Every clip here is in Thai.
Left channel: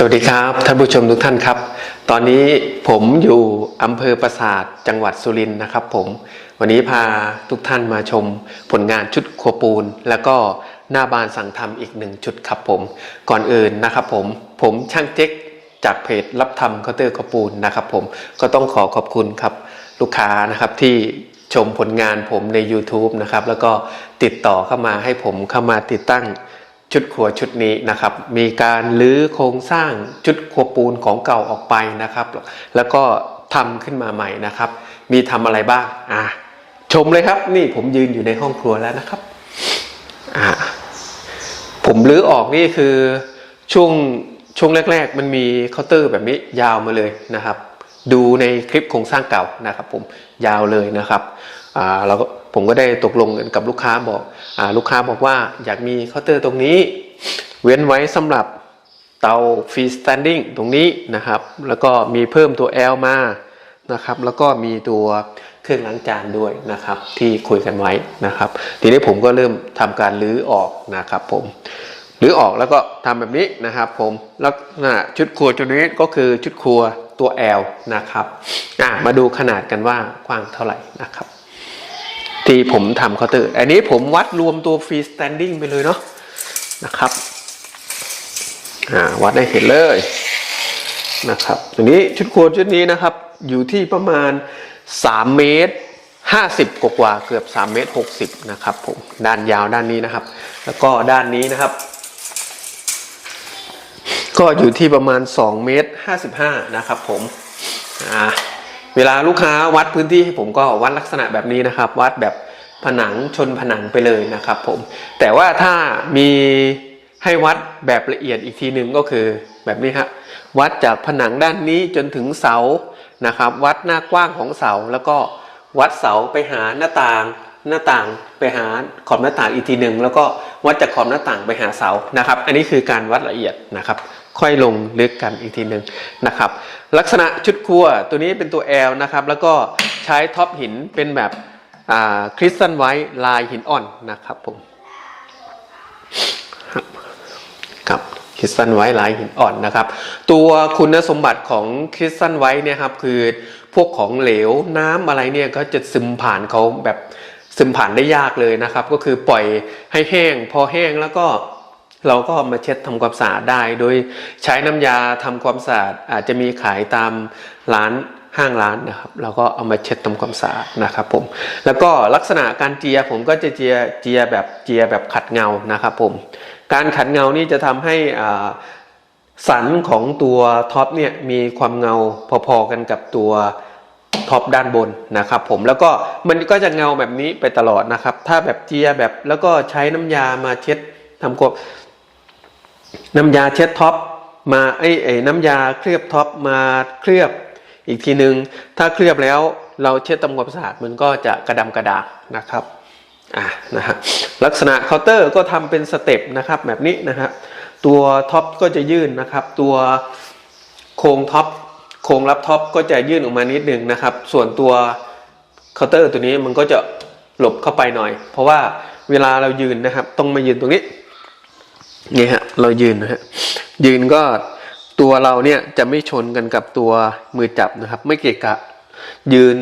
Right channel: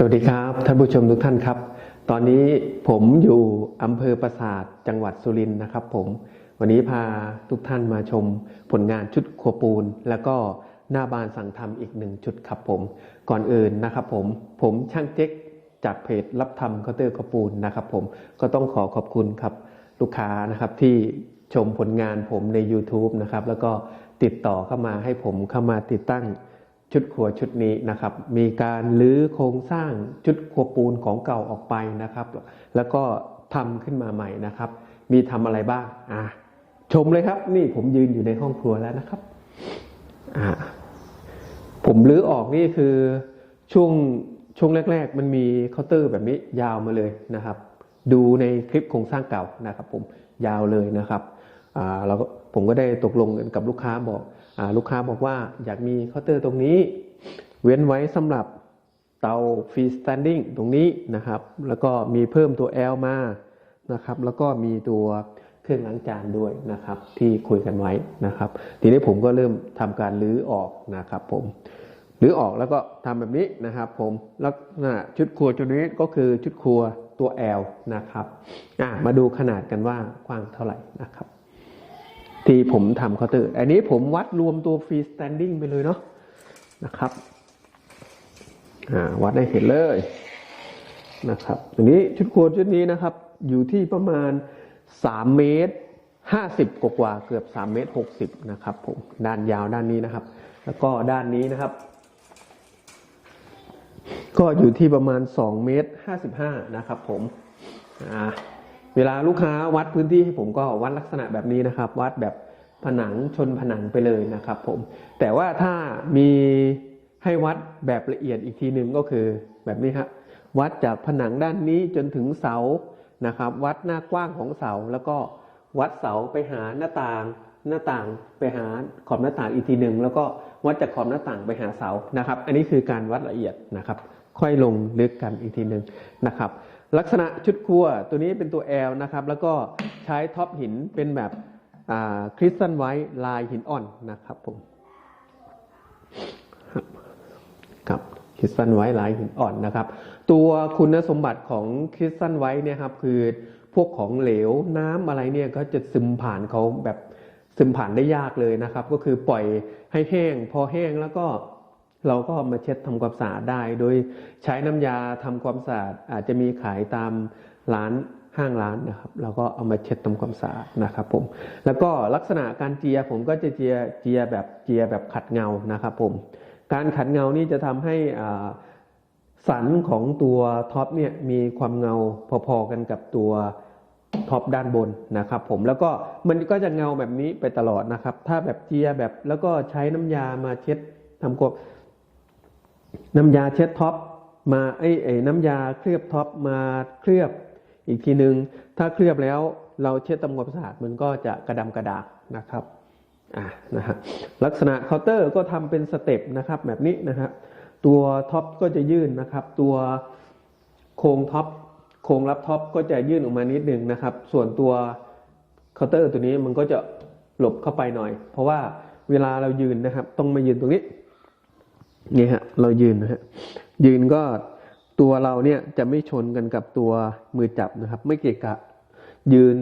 สวัสดีครับท่านผู้ชมทุกท่านครับ ตอนนี้ผมอยู่อำเภอปราสาทจังหวัดสุรินทร์นะครับ ผมวันนี้พาทุกท่านมาชมผลงานชุดครัวปูน แล้วก็หน้าบานสั่งทำอีกหนึ่งชุดครับผม ก่อนอื่นนะครับผมผมช่างเจ๊กจากเพจรับทำเคาน์เตอร์ครัวปูนนะครับ ผมก็ต้องขอขอบคุณครับ ลูกค้านะครับที่ชมผลงานผมใน YouTube นะครับแล้วก็ติดต่อเข้ามาให้ผมเข้ามาติดตั้ง ชุดครัวชุดนี้นะครับ มีการรื้อโครงสร้างชุดครัวปูนของเก่าออกไปนะครับ แล้วก็ทำขึ้นมาใหม่นะครับ มีทำอะไรบ้างอะชมเลยครับ นี่ผมยืนอยู่ในห้องครัวแล้วนะครับอะผมรื้อออกนี่คือช่วงช่วงแรก ๆ มันมีเคาน์เตอร์แบบนี้ยาวมาเลยนะครับ ดูในคลิปโครงสร้างเก่านะครับ ผมยาวเลยนะครับอ่าเราก็ ผมก็ได้ตกลงกันกับลูกค้าบอกอลูกค้าบอกว่าอยากมีเคาน์เตอร์ตรงนี้ เว้นไว้สำหรับเตาฟรีสแตนดิ้งตรงนี้นะครับ แล้วก็มีเพิ่มตัว L มานะครับ แล้วก็มีตัวเครื่องล้างจานด้วยนะครับ ที่คุยกันไว้นะครับ ทีนี้ผมก็เริ่มทำการรื้อออกนะครับ ผมหรือออกแล้วก็ทำแบบนี้นะครับ ผมแล้วนะชุดครัวตัวนี้ก็คือชุดครัวตัว L นะครับมาดูขนาดกันว่ากว้างเท่าไหร่นะครับ ที่ผมทำเคาน์เตอร์อันนี้ผมวัดรวมตัวฟรีสแตนดิ้งไปเลยเนาะนะครับอ่าวัดได้เห็นเลยนะครับตัวนี้ชุดครัวชุดนี้นะครับ อยู่ที่ประมาณ 3 เมตร 50 กว่าๆเกือบ 3 เมตร 60 นะครับผมด้านยาวด้านนี้นะครับ แล้วก็ด้านนี้นะครับ ก็อยู่ที่ประมาณ 2 เมตร 55 นะครับผมอ่า เวลาลูกค้าวัดพื้นที่ให้ผมก็วัดลักษณะแบบนี้นะครับ วัดแบบผนังชนผนังไปเลยนะครับผมแต่ว่าถ้ามีให้วัดแบบละเอียดอีกทีหนึ่งก็คือแบบนี้ครวัดจากผนังด้านนี้จนถึงเสานะครับ วัดหน้ากว้างของเสาแล้วก็วัดเสาไปหาหน้าต่างหน้าต่างไปหาขอบหน้าต่างอีกทีหนึ่งแล้วก็วัดจากขอบหน้าต่างไปหาเสานะครับ อันนี้คือการวัดละเอียดนะครับ ค่อยลงลึกกันอีกทีหนึ่งนะครับ ลักษณะชุดครัวตัวนี้เป็นตัว L นะครับ แล้วก็ใช้ท็อปหินเป็นแบบคริสตัลไวท์ลายหินอ่อนนะครับผมครับคริสตัลไวท์ลายหินอ่อนนะครับ ตัวคุณสมบัติของคริสตัลไวท์เนี่ยครับคือพวกของเหลวน้ำอะไรเนี่ยก็จะซึมผ่านเขาแบบซึมผ่านได้ยากเลยนะครับ ก็คือปล่อยให้แห้ง พอแห้งแล้วก็ เราก็มาเช็ดทำความสะอาดได้ โดยใช้น้ำยาทำความสะอาดอาจจะมีขายตามร้านห้างร้านนะครับเราก็เอามาเช็ดทำความสะอาดนะครับผมแล้วก็ลักษณะการเจียผมก็จะเจียเจียแบบเจียแบบขัดเงานะครับผมการขัดเงานี่จะทำให้อ่าสันของตัวท็อปเนี่ยมีความเงาพอๆกันกับตัวท็อปด้านบนนะครับผมแล้วก็มันก็จะเงาแบบนี้ไปตลอดนะครับ ถ้าแบบเจียแบบแล้วก็ใช้น้ำยามาเช็ดทำความ น้ำยาเช็ดท็อปมาไอ้ไอ้น้ำยาเคลือบท็อปมาเคลือบอีกทีหนึ่งถ้าเคลือบแล้วเราเช็ดทำความสะอาดมันก็จะกระดำกระดาษนะครับอะนะฮะลักษณะเคาน์เตอร์ก็ทำเป็นสเต็ปนะครับแบบนี้นะครับตัวท็อปก็จะยื่นนะครับ ตัวโครงท็อปโครงรับท็อปก็จะยื่นออกมานิดนึงนะครับ ส่วนตัวเคาน์เตอร์ตัวนี้มันก็จะหลบเข้าไปหน่อย เพราะว่าเวลาเรายืนนะครับ ต้องมายืนตรงนี้ นี่ฮะเรายืนนะฮะยืนก็ตัวเราเนี่ยจะไม่ชนกันกับตัวมือจับนะครับ ไม่เกะกะ ยืน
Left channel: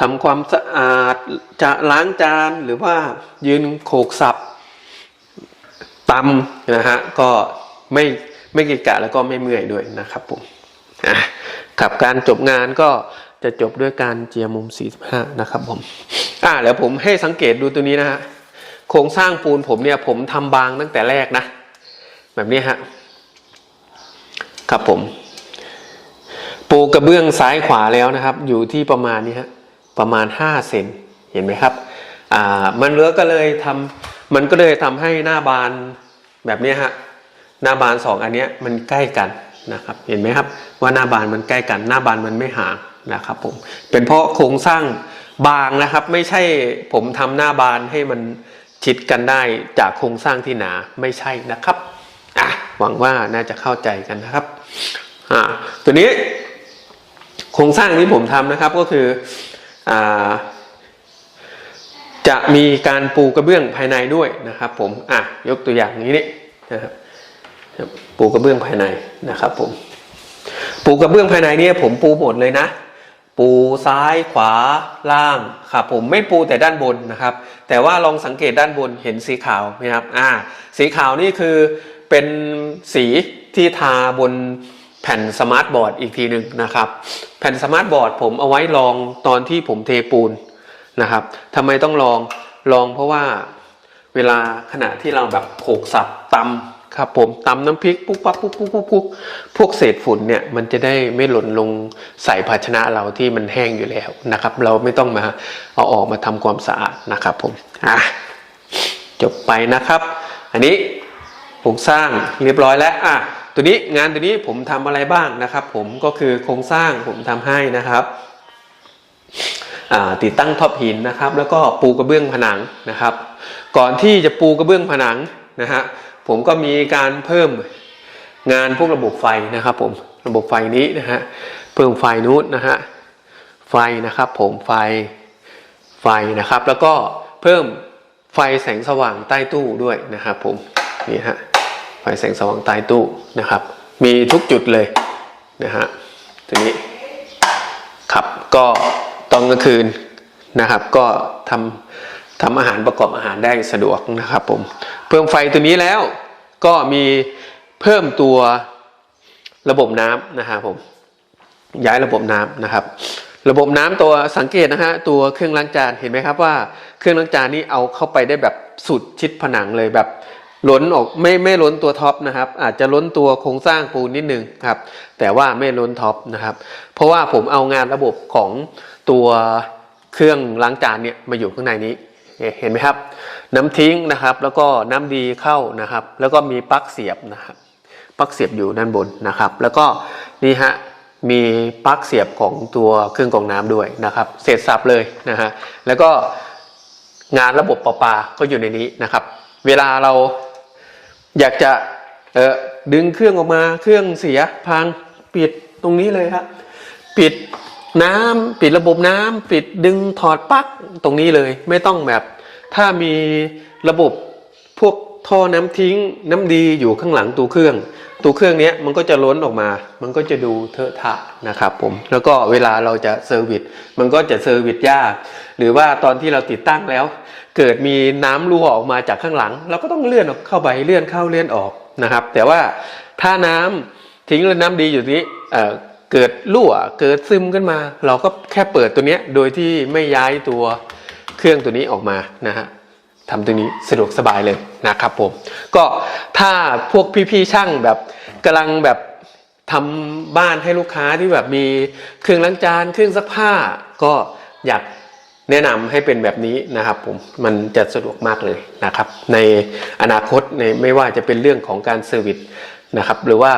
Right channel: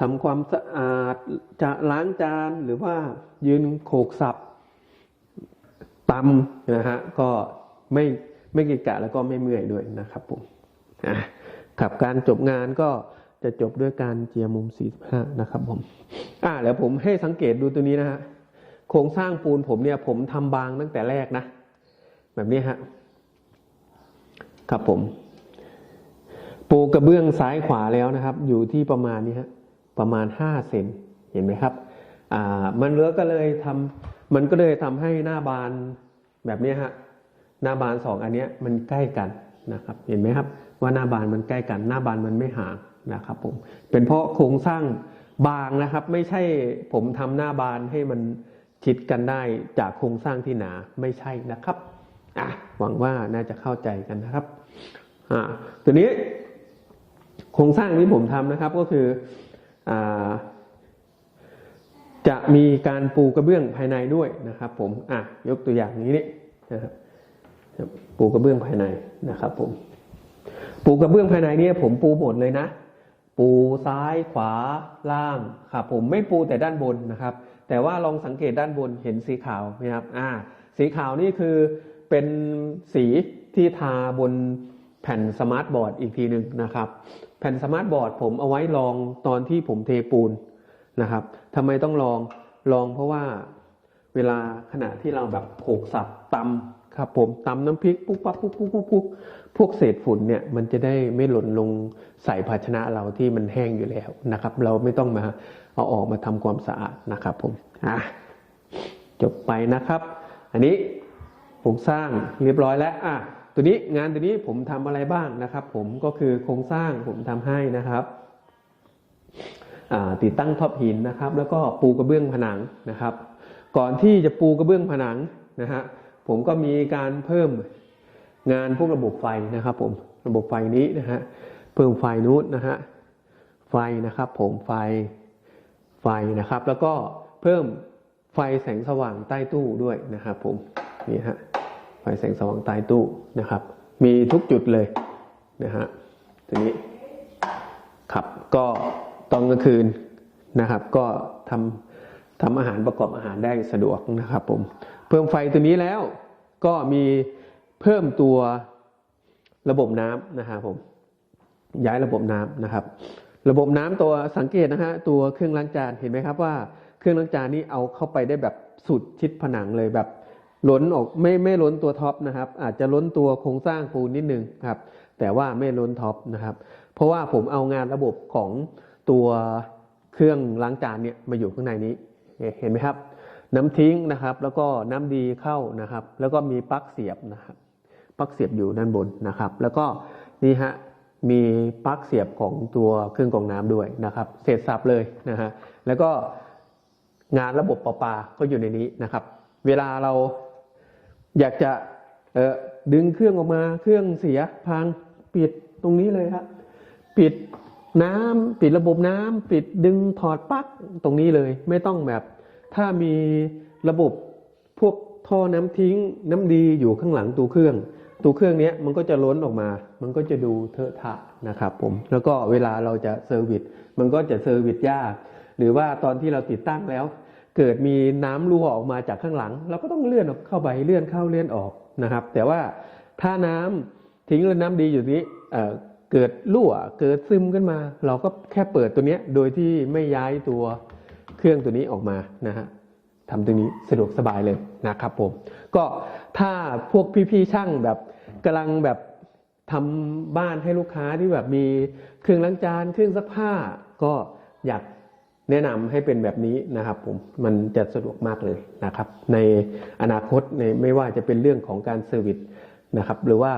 ทำความสะอาดจะล้างจานหรือว่ายืนโขกสับตำนะฮะก็ไม่ไม่เกะกะแล้วก็ไม่เมื่อยด้วยนะครับผมอะกับการจบงานก็จะจบด้วยการเจียมุม 45 นะครับผม อ่าแล้วผมให้สังเกตดูตัวนี้นะฮะ โครงสร้างปูนผมเนี่ยผมทำบางตั้งแต่แรกนะ แบบนี้ฮะครับผมปูกระเบื้องซ้ายขวาแล้วนะครับ อยู่ที่ประมาณนี้ฮะประมาณ 5 เซนเห็นไหมครับอ่ามันเลือก็เลยทำมันก็เลยทำให้หน้าบานแบบนี้ฮะหน้าบานสองอันเนี้ยมันใกล้กันนะครับ เห็นไหมครับว่าหน้าบานมันใกล้กัน หน้าบานมันไม่ห่างนะครับผมเป็นเพราะโครงสร้างบางนะครับ ไม่ใช่ผมทำหน้าบานให้มัน ชิดกันได้จากโครงสร้างที่หนาไม่ใช่นะครับอะหวังว่าน่าจะเข้าใจกันนะครับอ่าตัวนี้โครงสร้างที่ผมทำนะครับก็คืออ่าจะมีการปูกระเบื้องภายในด้วยนะครับ ผมอะยกตัวอย่างนี้นี่นะครับปูกระเบื้องภายในนะครับ ผม ปูกระเบื้องภายในเนี่ยผมปูหมดเลยนะ ปูซ้ายขวาล่างครับผมไม่ปูแต่ด้านบนนะครับ แต่ว่าลองสังเกตด้านบนเห็นสีขาวไหมครับอ่าสีขาวนี่คือเป็นสีที่ทาบนแผ่นสมาร์ทบอร์ดอีกทีหนึ่งนะครับ แผ่นสมาร์ทบอร์ดผมเอาไว้ลองตอนที่ผมเทปูนนะครับทำไมต้องลองลองเพราะว่าเวลาขณะที่เราแบบโขกสับตำ ครับผมตำน้ำพริกปุ๊บปั๊บปุ๊บปุ๊บปุ๊บปุ๊บพวกเศษฝุ่นเนี่ยมันจะได้ไม่หล่นลงใส่ภาชนะเราที่มันแห้งอยู่แล้วนะครับ เราไม่ต้องมาเอาออกมาทำความสะอาดนะครับผมอะจบไปนะครับ อันนี้โครงสร้างเรียบร้อยแล้วอะตัวนี้งานตัวนี้ผมทำอะไรบ้างนะครับ ผมก็คือโครงสร้างผมทำให้นะครับติดตั้งท็อปหินนะครับ แล้วก็ปูกระเบื้องผนังนะครับ ก่อนที่จะปูกระเบื้องผนังนะฮะ ผมก็มีการเพิ่มงานพวกระบบไฟนะครับ ผมระบบไฟนี้นะฮะเพิ่มไฟนู้นนะฮะไฟนะครับ ผมไฟไฟนะครับ แล้วก็เพิ่มไฟแสงสว่างใต้ตู้ด้วยนะครับ ผมนี่ฮะไฟแสงสว่างใต้ตู้นะครับ มีทุกจุดเลยนะฮะตัวนี้ครับก็ตอนกลางคืนนะครับ ก็ทำ ทำอาหารประกอบอาหารได้สะดวกนะครับผมเพิ่มไฟตัวนี้แล้วก็มีเพิ่มตัวระบบน้ำนะครับผมย้ายระบบน้ำนะครับ ระบบน้ำตัวสังเกตนะฮะตัวเครื่องล้างจานเห็นไหมครับว่าเครื่องล้างจานนี่เอาเข้าไปได้แบบสุดชิดผนังเลยแบบล้นออกไม่ไม่ล้นตัวท็อปนะครับ อาจจะล้นตัวโครงสร้างปูนนิดนึงครับ แต่ว่าไม่ล้นท็อปนะครับ เพราะว่าผมเอางานระบบของตัวเครื่องล้างจานเนี่ยมาอยู่ข้างในนี้ เห็นไหมครับ น้ำทิ้งนะครับ แล้วก็น้ำดีเข้านะครับ แล้วก็มีปลั๊กเสียบนะครับปลั๊กเสียบอยู่ด้านบนนะครับ แล้วก็นี่ฮะมีปลั๊กเสียบของตัวเครื่องกรองน้ำด้วยนะครับ เสร็จสับเลยนะฮะแล้วก็งานระบบประปาก็อยู่ในนี้นะครับ เวลาเราอยากจะดึงเครื่องออกมาเครื่องเสียพังปิดตรงนี้เลยครับปิดน้ำปิดระบบน้ำปิดดึงถอดปลั๊กตรงนี้เลย ไม่ต้องแบบ ถ้ามีระบบพวกท่อน้ำทิ้งน้ำดีอยู่ข้างหลังตัวเครื่อง ตัวเครื่องนี้มันก็จะล้นออกมา มันก็จะดูเทอะทะนะครับผม แล้วก็เวลาเราจะเซอร์วิส มันก็จะเซอร์วิสยาก หรือว่าตอนที่เราติดตั้งแล้ว เกิดมีน้ำรั่วออกมาจากข้างหลัง เราก็ต้องเลื่อนออกเข้าไปเลื่อนเข้าเลื่อนออกนะครับ แต่ว่าถ้าน้ำทิ้งแล้วน้ำดีอยู่นี้เเกิดรั่วเกิดซึมขึ้นมา เราก็แค่เปิดตัวนี้โดยที่ไม่ย้ายตัว เครื่องตัวนี้ออกมานะฮะทำตัวนี้สะดวกสบายเลยนะครับผมก็ถ้าพวกพี่ๆช่างแบบกำลังแบบทำบ้านให้ลูกค้าที่แบบมีเครื่องล้างจานเครื่องซักผ้า ก็อยากแนะนำให้เป็นแบบนี้นะครับผมมันจะสะดวกมากเลยนะครับ ในอนาคตในไม่ว่าจะเป็นเรื่องของการเซอร์วิสนะครับหรือว่า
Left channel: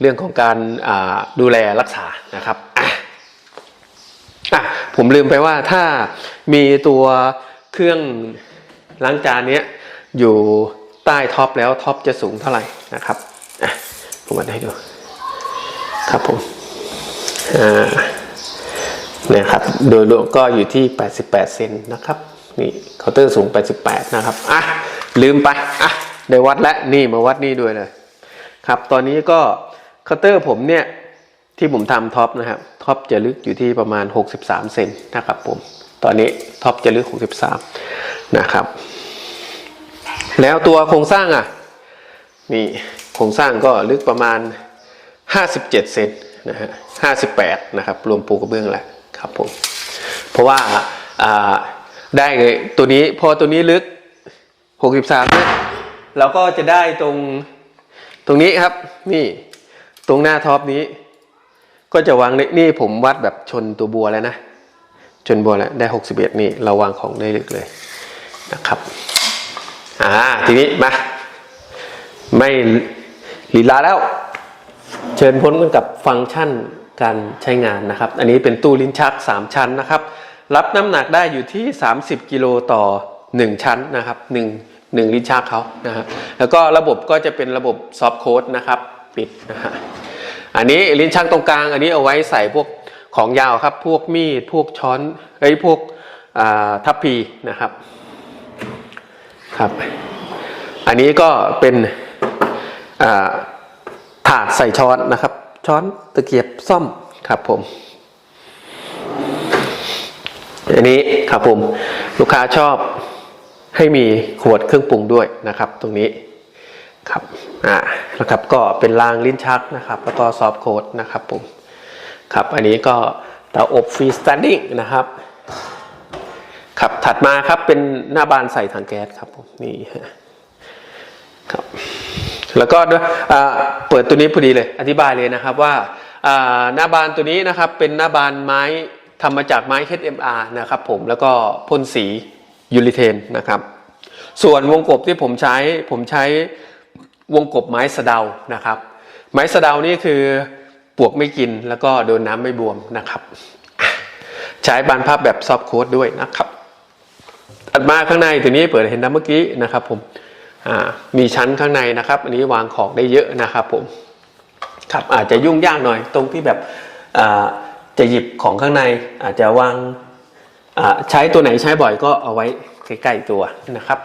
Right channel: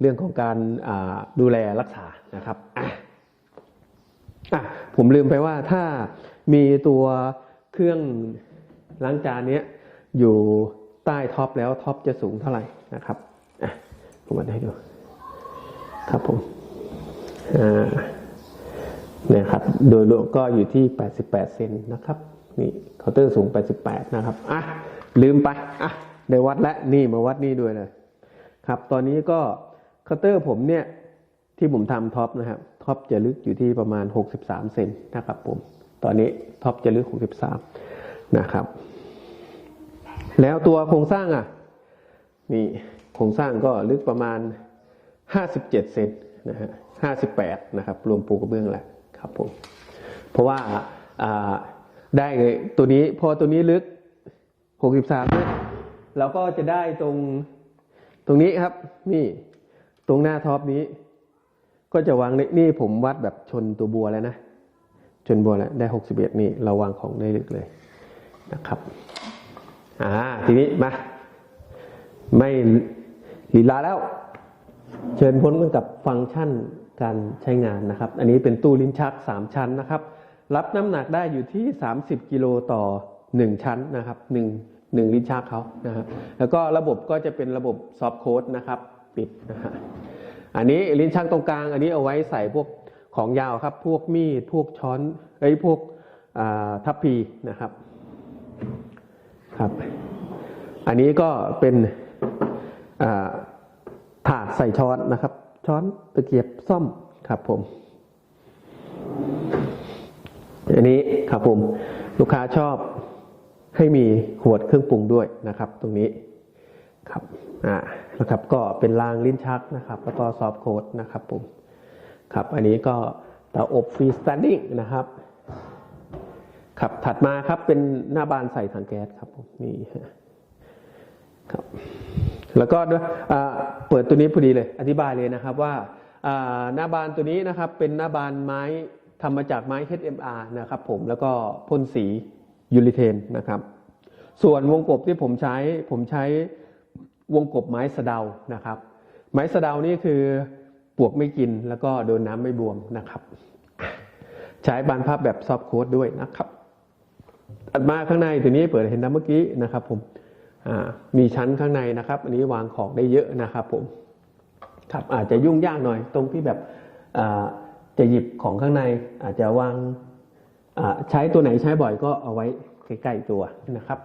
เรื่องของการดูแลรักษานะครับ อะผมลืมไปว่าถ้ามีตัวเครื่องล้างจานเนี้ยอยู่ใต้ท็อปแล้วท็อปจะสูงเท่าไหร่นะครับอะผมวัดให้ดูครับผมอ่าเนี่ยครับโดยรวมก็อยู่ที่ 88 เซนนะครับนี่เคาน์เตอร์สูง 88 นะครับอะลืมไปอะได้วัดแล้วนี่มาวัดนี่ด้วยเลยครับ ตอนนี้ก็เคาน์เตอร์ผมเนี่ยที่ผมทำท็อปนะครับ ท็อปจะลึกอยู่ที่ประมาณ 63 เซนนะครับผม ตอนนี้ท็อปจะลึก 63 นะครับ แล้วตัวโครงสร้างอะ นี่โครงสร้างก็ลึกประมาณ 57 เซนนะฮะ 58 นะครับ รวมปูกระเบื้องแหละครับผม เพราะว่าอ่าได้เลยตัวนี้พอตัวนี้ลึก 63เนี่ยเราก็จะได้ตรงตรงนี้ครับ นี่ตรงหน้าท็อปนี้ ก็จะวางนี่ผมวัดแบบชนตัวบัวแล้วนะ ชนบัวแล้วได้ 61 นี่เราวางของได้ลึกเลยนะครับอ่าทีนี้มา ไม่ลีลาแล้ว เชิญพ้นกันกับฟังก์ชันการใช้งานนะครับ อันนี้เป็นตู้ลิ้นชัก 3 ชั้นนะครับ รับน้ำหนักได้อยู่ที่ 30 กิโลต่อ 1 ชั้นนะครับ1 1ลิ้นชักเขานะฮะแล้วก็ระบบก็จะเป็นระบบซอฟต์โค้ดนะครับ ปิดนะฮะ อันนี้ลิ้นชักตรงกลาง อันนี้เอาไว้ใส่พวกของยาวครับ พวกมีด พวกช้อนไอ้พวกทัพพีนะครับครับ อันนี้ก็เป็นถาดใส่ช้อนนะครับ ช้อนตะเกียบซ่อมครับผม อันนี้ครับผมลูกค้าชอบให้มีขวดเครื่องปรุงด้วยนะครับ ตรงนี้ ครับอ่านะครับก็เป็นรางลิ้นชักนะครับ แล้วก็ซอฟโค้ดนะครับผมครับอันนี้ก็เตาอบฟรีสแตนดิ้งนะครับครับถัดมาครับเป็นหน้าบานใส่ถังแก๊สครับผมนี่ฮะครับแล้วก็ด้วยเปิดตัวนี้พอดีเลยอธิบายเลยนะครับว่าอ่าหน้าบานตัวนี้นะครับเป็นหน้าบานไม้ทำมาจากไม้ HMR นะครับผมแล้วก็พ่นสียูริเทนนะครับ ส่วนวงกบที่ผมใช้ผมใช้ วงกบไม้สะเดานะครับ ไม้สะเดานี่คือปวกไม่กินแล้วก็โดนน้ำไม่บวมนะครับ ใช้บานพับแบบซอฟโค้ดด้วยนะครับถัดมาข้างในตัวนี้เปิดเห็นนะเมื่อกี้นะครับ ผมมีชั้นข้างในนะครับ อันนี้วางของได้เยอะนะครับ ผมครับอาจจะยุ่งยากหน่อยตรงที่แบบจะหยิบของข้างในอาจจะวางใช้ตัวไหนใช้บ่อยก็เอาไว้ใกล้ๆตัวนะครับ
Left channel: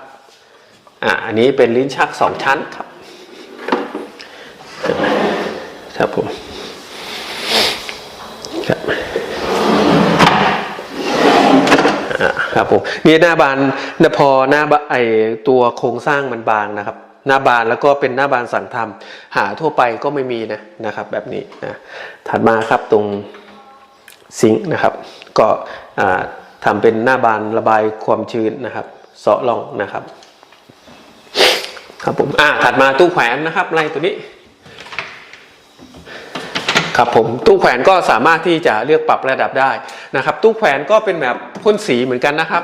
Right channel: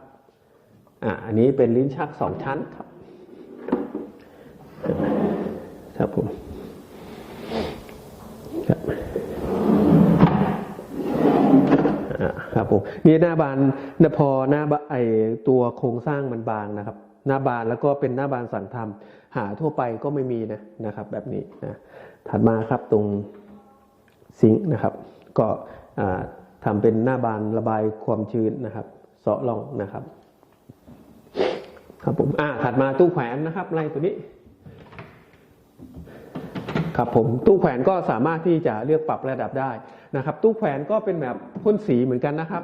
อ,อันนี้เป็นลิ้นชักสองชั้นครับ ครับผมครับครับผมนี่หน้าบานนพอหน้าบานไอตัวโครงสร้างมันบางนะครับ หน้าบานแล้วก็เป็นหน้าบานสั่งทำหาทั่วไปก็ไม่มีนะนะครับ แบบนี้นะถัดมาครับตรงซิงค์นะครับ ก็อ่าทำเป็นหน้าบานระบายความชื้นนะครับเสาะล่องนะครับ ครับผมอ่าถัดมาตู้แขวนนะครับไล่ตัวนี้ ครับผมตู้แขวนก็สามารถที่จะเลือกปรับระดับได้นะครับ ตู้แขวนก็เป็นแบบพ่นสีเหมือนกันนะครับ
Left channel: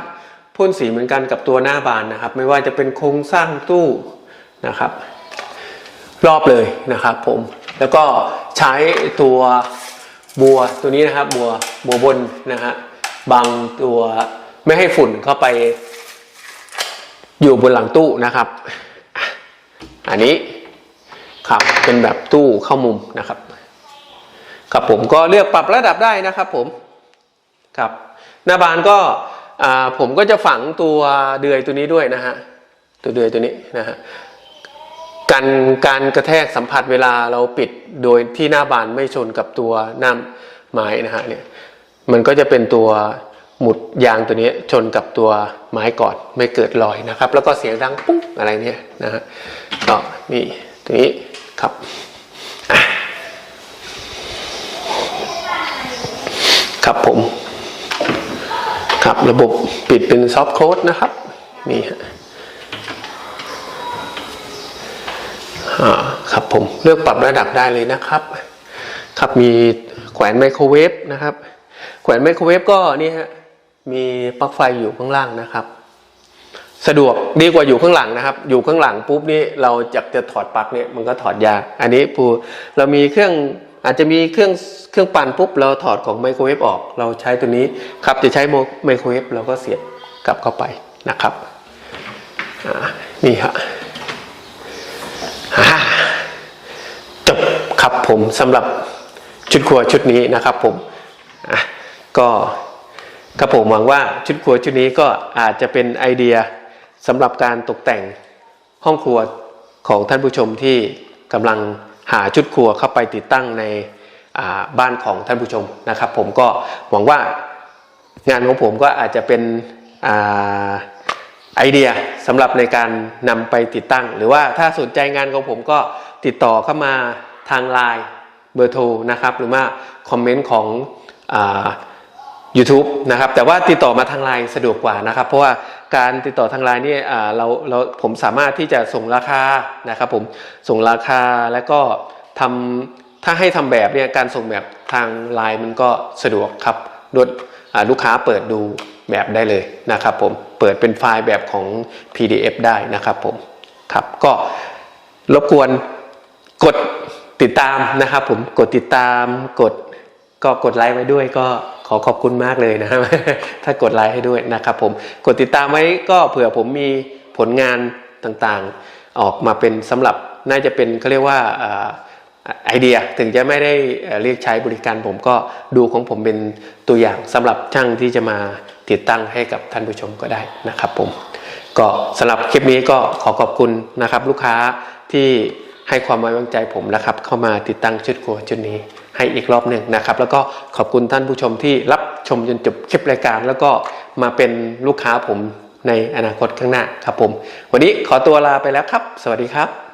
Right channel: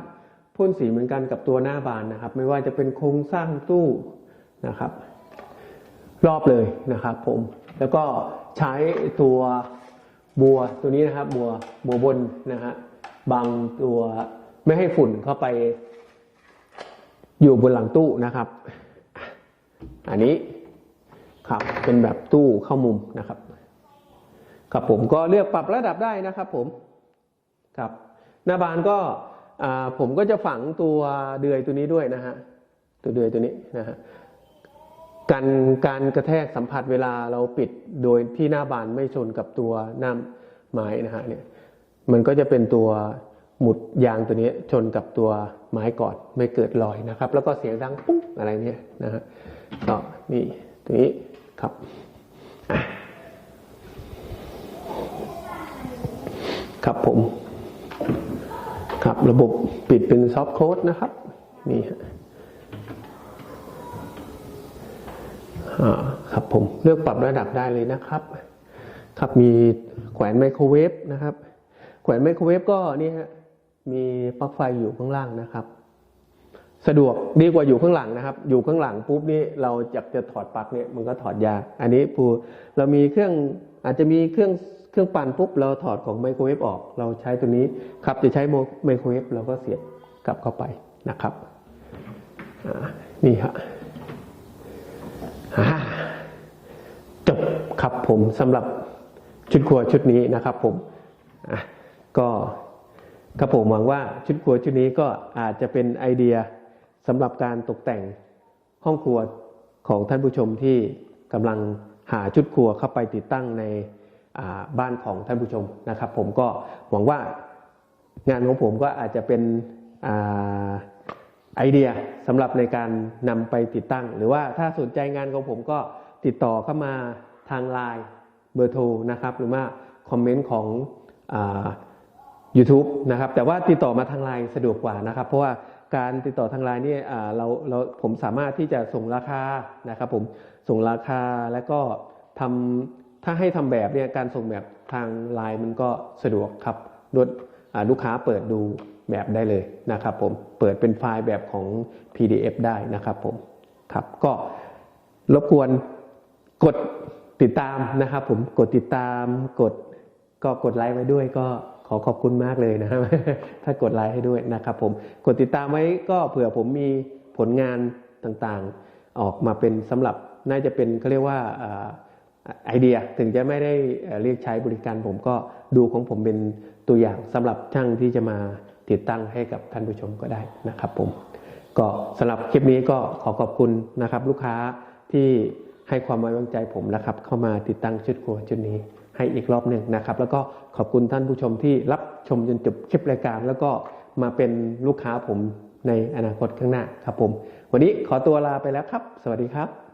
พ่นสีเหมือนกันกับตัวหน้าบานนะครับ ไม่ว่าจะเป็นโครงสร้างตู้นะครับ รอบเลยนะครับผมแล้วก็ใช้ตัวบัวตัวนี้นะครับบัวบัวบนนะฮะบังตัวไม่ให้ฝุ่นเข้าไป อยู่บนหลังตู้นะครับ อันนี้ครับเป็นแบบตู้เข้ามุมนะครับ ครับผมก็เลือกปรับระดับได้นะครับผมครับหน้าบานก็ผมก็จะฝังตัวเดือยตัวนี้ด้วยนะฮะตัวเดือยตัวนี้นะฮะกันการกระแทกสัมผัสเวลาเราปิดโดยที่หน้าบานไม่ชนกับตัวหน้าไม้นะฮะเนี่ยมันก็จะเป็นตัวหมุดยางตัวนี้ชนกับตัวไม้ก่อนไม่เกิดรอยนะครับ แล้วก็เสียงดังปุ๊บอะไรเนี่ยนะฮะก็นี่ตัวนี้ครับ ครับผม ครับระบบปิดเป็นซอฟต์โค้ดนะครับ นี่ฮะอ่าครับผมเลือกปรับระดับได้เลยนะครับ ครับมีแขวนไมโครเวฟนะครับ แขวนไมโครเวฟก็นี่ฮะมีปลั๊กไฟอยู่ข้างล่างนะครับ สะดวกดีกว่าอยู่ข้างหลังนะครับ อยู่ข้างหลังปุ๊บนี่เราจะจะถอดปลั๊กเนี่ยมันก็ถอดยาก อันนี้ปูเรามีเครื่อง อาจจะมีเครื่องเครื่องปั่นปุ๊บเราถอดของไมโครเวฟออก เราใช้ตัวนี้ครับจะใช้ไมโครเวฟเราก็เสียบกลับเข้าไปนะครับนี่ฮะจบครับผมสำหรับชุดครัวชุดนี้นะครับผมก็ครับผมหวังว่าชุดครัวชุดนี้ก็อาจจะเป็นไอเดียสำหรับการตกแต่งห้องครัวของท่านผู้ชมที่กำลัง หาชุดครัวเข้าไปติดตั้งในบ้านของท่านผู้ชมนะครับ ผมก็หวังว่างานของผมก็อาจจะเป็นอไอเดียสำหรับในการนำไปติดตั้ง หรือว่าถ้าสนใจงานของผมก็ติดต่อเข้ามาทางไลน์เบอร์โทรนะครับ หรือว่าคอมเมนต์ของอ YouTube นะครับแต่ว่าติดต่อมาทางไลน์สะดวกกว่านะครับ เพราะว่า การติดต่อทางไลน์เนี่ยเราเราผมสามารถที่จะส่งราคานะครับผมส่งราคาแล้วก็ทำถ้าให้ทำแบบเนี่ยการส่งแบบทางไลน์มันก็สะดวกครับรถอ่าลูกค้าเปิดดูแบบได้เลยนะครับผมเปิดเป็นไฟล์แบบของ PDF ได้นะครับผมครับก็รบกวนกดติดตามนะครับผมกดติดตามกดก็กดไลค์ไว้ด้วยก็ ขอขอบคุณมากเลยนะครับถ้ากดไลค์ให้ด้วยนะครับผมกดติดตามไว้ก็เผื่อผมมีผลงานต่างๆ ออกมาเป็นสำหรับน่าจะเป็นเขาเรียกว่าไอเดียถึงจะไม่ได้เอ่อเรียกใช้บริการผมก็ดูของผมเป็นตัวอย่างสำหรับช่างที่จะมาติดตั้งให้กับท่านผู้ชมก็ได้นะครับผมก็สำหรับคลิปนี้ก็ขอขอบคุณนะครับ ลูกค้าที่ให้ความไว้วางใจผมนะครับ เข้ามาติดตั้งชุดครัวชุดนี้ ให้อีกรอบหนึ่งนะครับ แล้วก็ขอบคุณท่านผู้ชมที่รับชมจนจบคลิปรายการ แล้วก็มาเป็นลูกค้าผมในอนาคตข้างหน้าครับผม วันนี้ขอตัวลาไปแล้วครับ สวัสดีครับ